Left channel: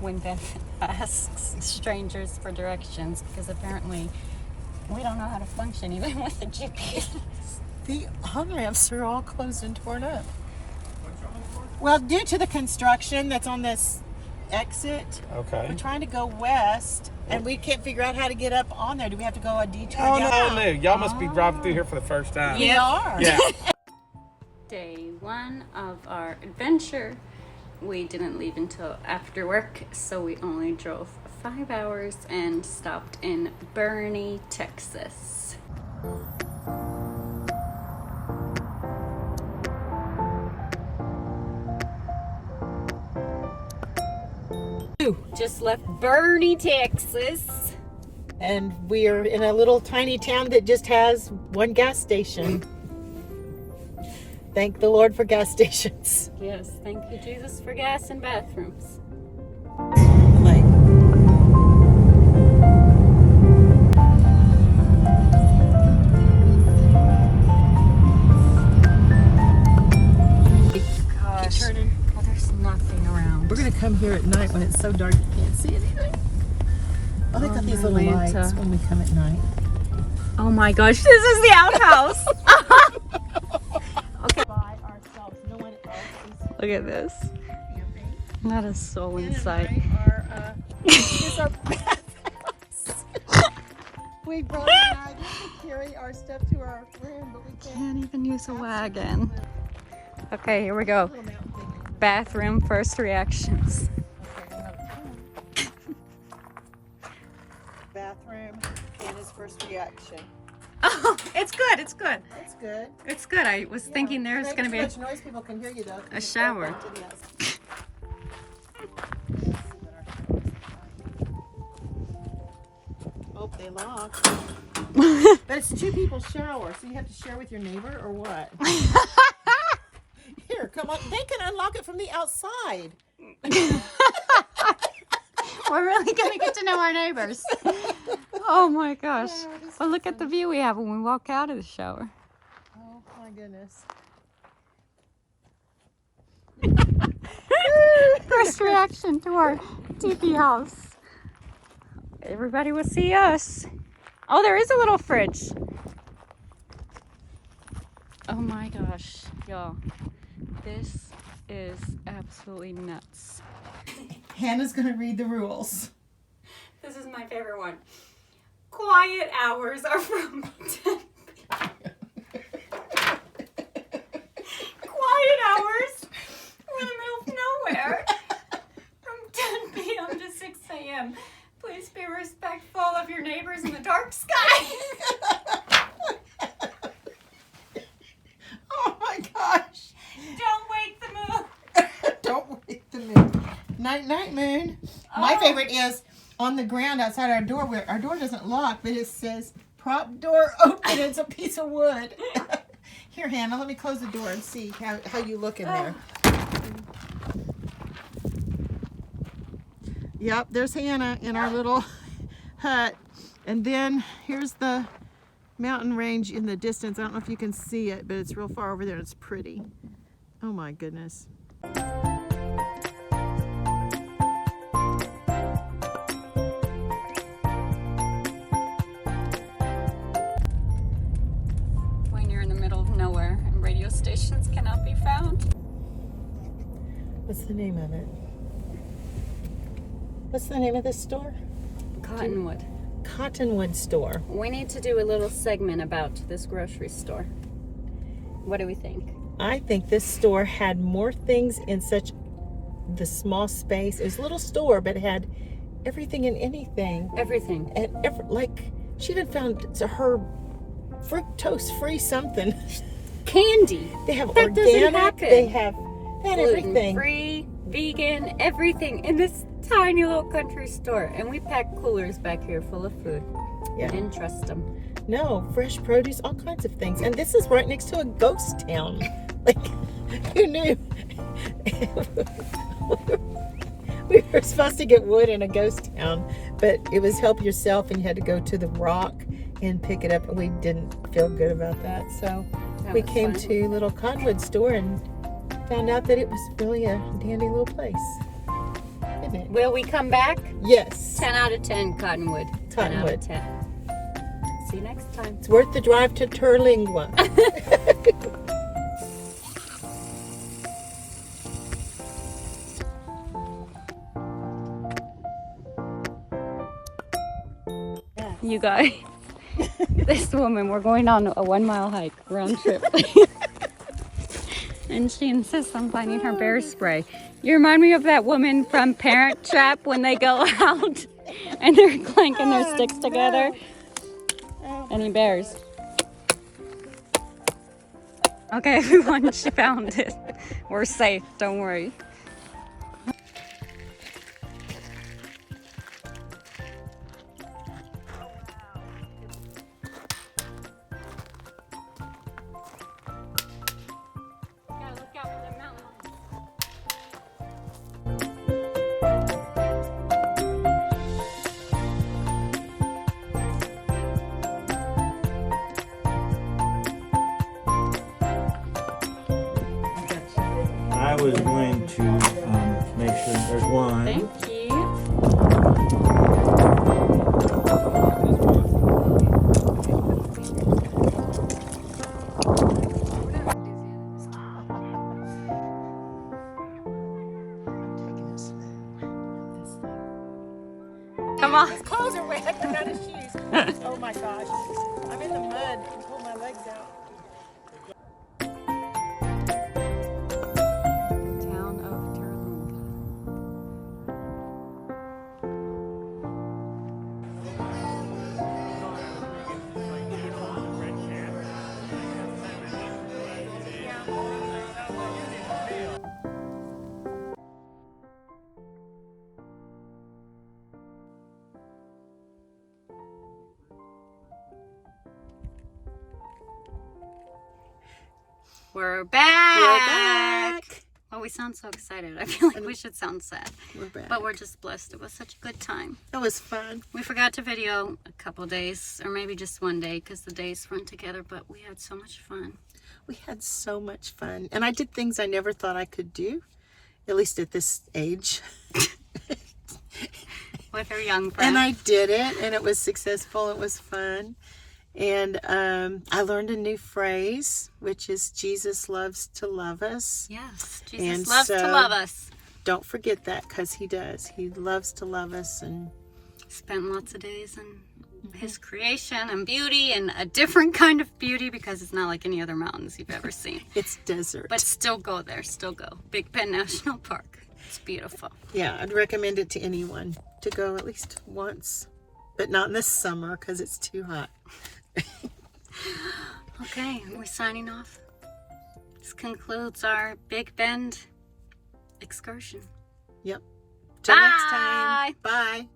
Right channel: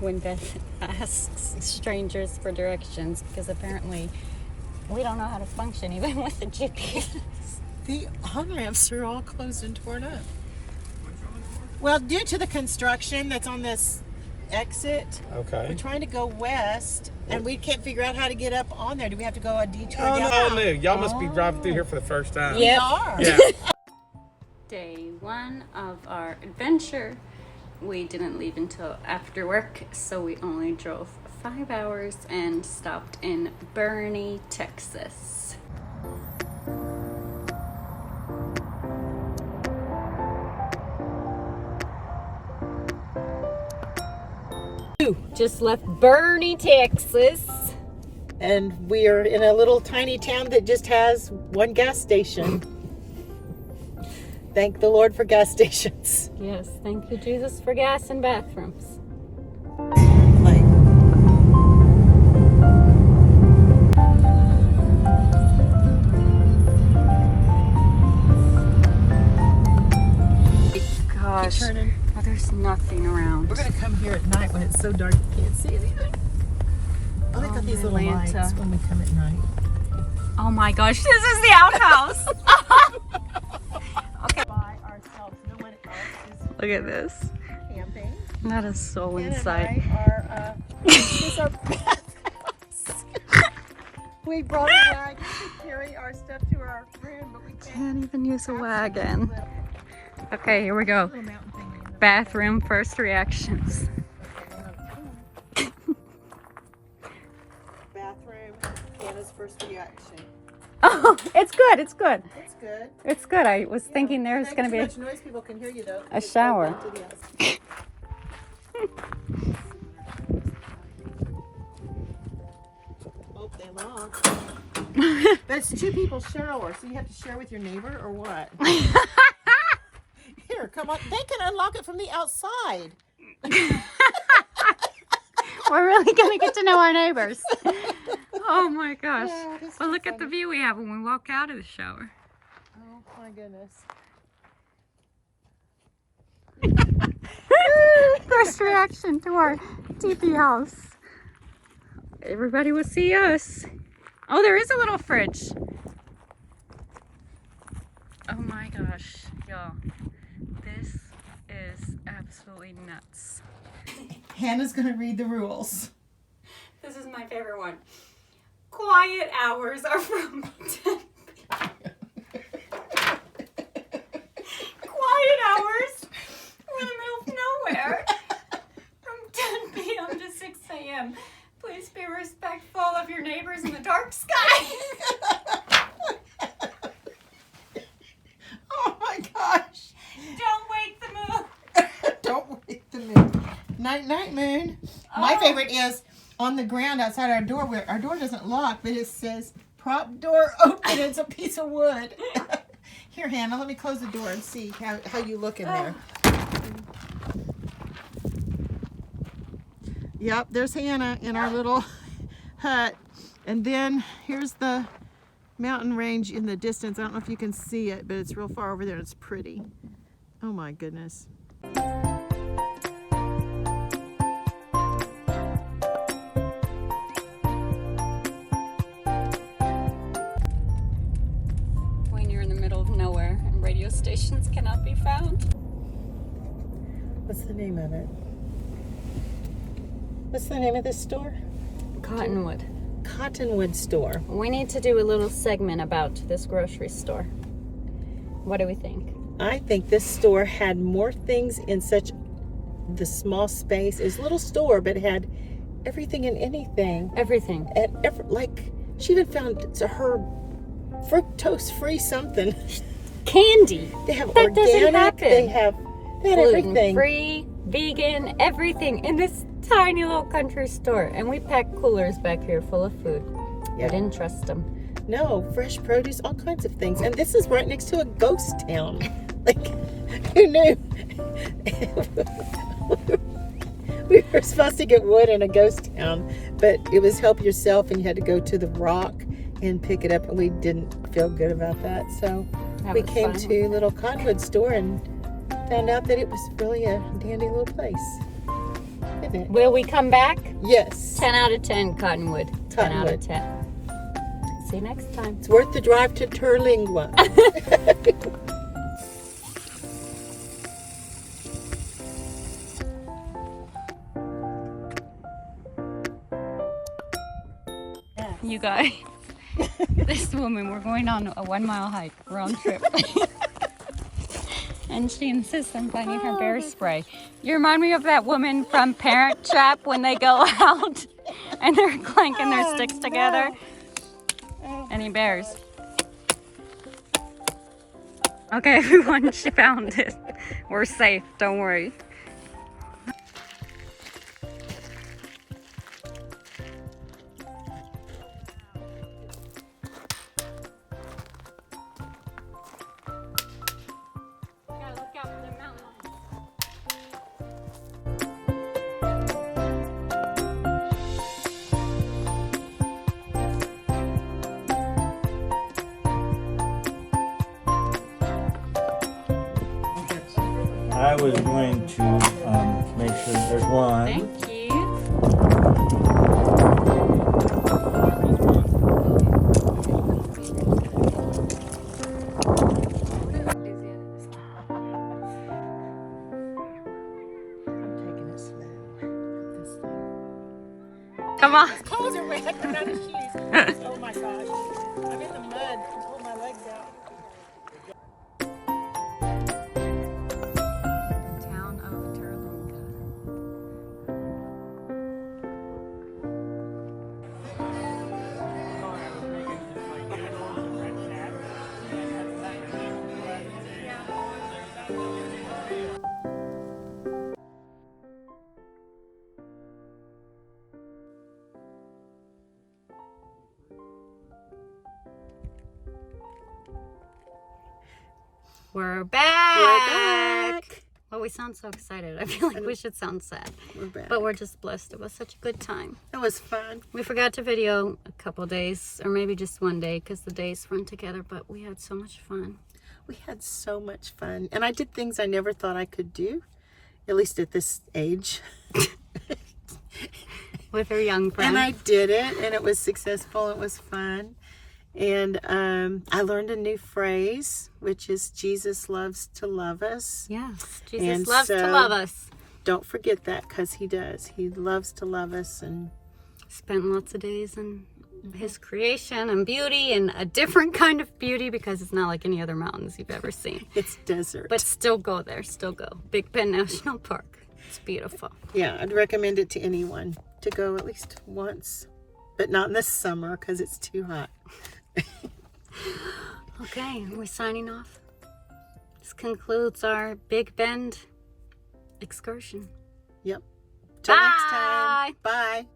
when Beth asks strangers for directions, because apparently we don't know how to function even with the GPS. The on-ramps are all closed and torn up. Well, due to the construction that's on this exit, we're trying to go west, and we can't figure out how to get up on there. Do we have to go a detour? Oh, no. Y'all must be driving through here for the first time. We are. Yeah. Day 1 of our adventure. We didn't leave until after work, so we only drove 5 hours and stopped in Boerne, Texas. Just left Boerne, Texas. And we are in a little tiny town that just has one gas station. Thank the Lord for gas stations. Yes, thank you, Jesus, for gas and bathrooms. Like, Gosh, oh, there's nothing around. we're gonna come here at night when it's so dark you can't see anything. Oh, they got these little Atlanta. lights when we come at night. Oh my gosh, this is the outhouse. Okay. By ourselves, no one else is Look at this. camping. Not a soul in sight. We brought a wagon to carry our stuff to our room, but we Can't even use a wagon. Okay, here we go. little mountain thing. Bathroom first reactions. Bathroom, Anna's first reaction. Oh, it's good. It's good. That's good. It's good. I was thinking there's Make going to too be much noise, people can hear you though. a shower. Oh, they lock. But it's 2 people shower, so you have to share with your neighbor or what? Here, come on. They can unlock it from the outside. We're really going to get to know our neighbors. Oh my gosh. Well, look at the view we have when we walk out of the shower. Oh my goodness. First reaction to our teepee house. Everybody will see us. Oh, there is a little fridge. Oh my gosh, y'all. This is absolutely nuts. Hannah's gonna read the rules. This is my favorite one. Quiet hours are from 10 p.m. Quiet hours? We're in the middle of nowhere. From 10 p.m. to 6 a.m. Please be respectful of your neighbors in the dark sky. Oh my gosh. Don't wake the moon. Don't wake the moon. Night, night, moon. My favorite is on the ground outside our door, where our door doesn't lock, but it says prop door open. It's a piece of wood. Here, Hannah, let me close the door and see how you look in there. Yep, there's Hannah in our little hut. And then here's the mountain range in the distance. I don't know if you can see it, but it's real far over there. It's pretty. Oh my goodness. When you're in the middle of nowhere and radio stations cannot be found. What's the name of it? What's the name of this store? Cottonwood. Cottonwood store. We need to do a little segment about this grocery store. What do we think? I think this store had more things in such the small space. It was a little store, but it had everything and anything. Everything. And like, she even found her fructose-free something. Candy. They have That doesn't organic. happen. They had everything. Gluten-free, vegan, everything in this tiny little country store. And we packed coolers back here full of food. Yeah. We didn't trust them. No, fresh produce, all kinds of things. And this is right next to a ghost town. Like, who knew? We were supposed to get wood in a ghost town, but it was help yourself, and you had to go to the rock and pick it up, and we didn't feel good about that. So we came to a little Cottonwood store and found out that it was really a dandy little place. isn't it? Will we come back? Yes. 10 out of 10 Cottonwood. 10 out of Cottonwood. 10. See you next time. It's worth the drive to Terlingua. You guys, this woman, we're going on a 1 mile hike, round trip. And she insists on finding her bear spray. You remind me of that woman from Parent Trap when they go out and they're clanking their sticks together. Any bears? Okay, everyone, she found it. We're safe, don't worry. Gotta look out for the mountain lions. I was going to make sure there's one. Thank you. Come on. His clothes are wet, but not his shoes. Oh my gosh. I'm in the mud and pull my legs out. Town of Terlingua. We're back. We're back. Well, we sound so excited. I feel like we should sound sad. We're back. But we're just blessed. It was such a good time. It was fun. We forgot to video a couple days, or maybe just one day, because the days weren't together, but we had so much fun. We had so much fun. And I did things I never thought I could do, at least at this age. With our young friends. And I did it, and it was successful. It was fun. And I learned a new phrase, which is Jesus loves to love us. Yes, Jesus And loves to so- love us. Don't forget that, because he does. He loves to love us. And Spent lots of days in his creation and beauty, and a different kind of beauty, because it's not like any other mountains you've ever seen. it's desert. But still go there, still go. Big Bend National Park. It's beautiful. Yeah, I'd recommend it to anyone to go at least once. But not in the summer, because it's too hot. Okay, we're signing off. This concludes our Big Bend excursion. Yep. Till next time. Bye. Bye.